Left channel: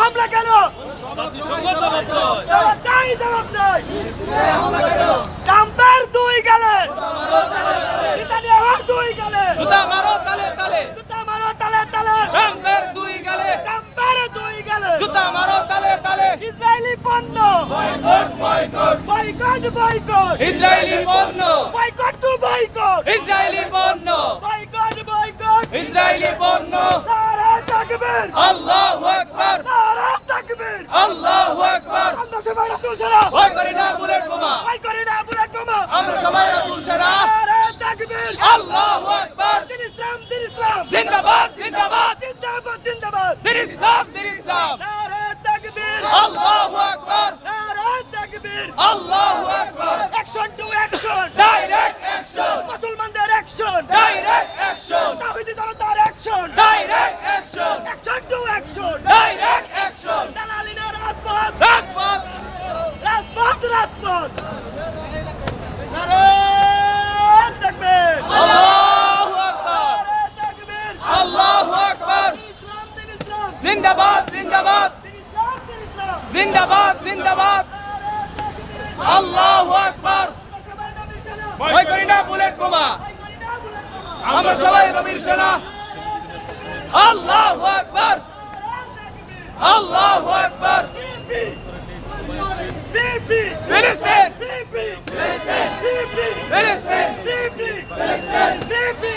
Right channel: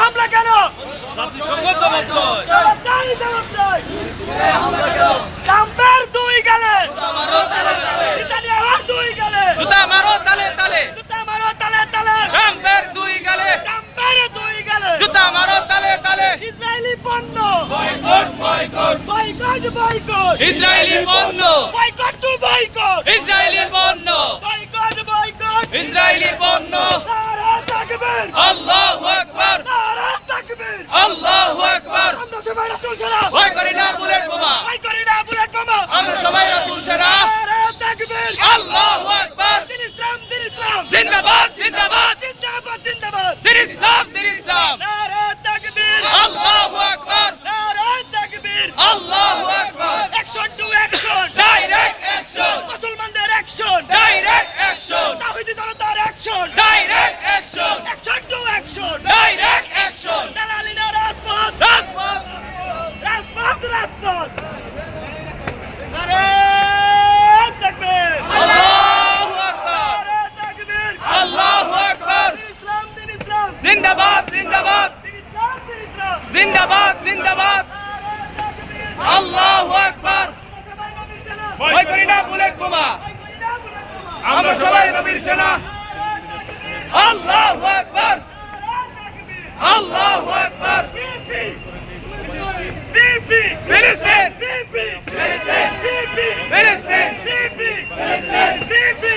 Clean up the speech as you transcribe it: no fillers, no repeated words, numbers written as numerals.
হামলা কেন? জবাব চাই, জবাব চাই। ট্রাম্পের দুই গালে, নেতানিয়াহুর দুই গালে, জুতা মারো তালে তালে, জুতা মারো তালে তালে, ট্রাম্পের দুই গালে, ট্রাম্পের দুই গালে। জুতা মারো তালে তালে, ইসরায়েলি পণ্য boycott, boycott, boycott, boycott, Israeli পণ্য, বয়কট টু বয়কট, ইসরায়েলি পণ্য, বয়কট, বয়কট, ইসরায়েলি পণ্য। নারা তাকবীর, আল্লাহু আকবার, নারা তাকবীর। আল্লাহু আকবার। আমরা সবাই রাসূল সেনা, ভয় করি না বুলেট বোমা, ভয় করি না বুলেট বোমা। আমরা সবাই রাসূল সেনা। নারা তাকবীর, আল্লাহু আকবার। দিন ইসলাম, দিন ইসলাম, জিন্দাবাদ জিন্দাবাদ, জিন্দাবাদ, জিন্দাবাদ। দিন ইসলাম দিন ইসলাম। নারা তাকবীর, আল্লাহু আকবার, নারা তাকবীর। আল্লাহু আকবার। Action to action, direct action, মুসলমানদের অ্যাকশন, ডাইরেক্ট অ্যাকশন, তাওহীদি জনতার action, direct action, action to action. Direct action. দালালি না রাজপথ, রাজপথ, রাজপথ, রাজপথ। নারা তাকবীর, আল্লাহু আকবার, নারা তাকবীর। আল্লাহু আকবার। দিন ইসলাম, দিন ইসলাম, জিন্দাবাদ জিন্দাবাদ, দিন ইসলাম, দিন ইসলাম। জিন্দাবাদ জিন্দাবাদ। নারা তাকবীর। আল্লাহু আকবার। আমরা সবাই নবীর সেনা, ভয় করি না বুলেট বোমা, ভয় করি না বুলেট বোমা। আমরা সবাই নবীর সেনা। আল্লাহু আকবার, আল্লাহু আকবার। বিপি, বিপি, ফিলিস্তিন, বিপি, ফিলিস্তিন, বিপি, ফিলিস্তিন, বিপি, ফিলিস্তিন। বিপি।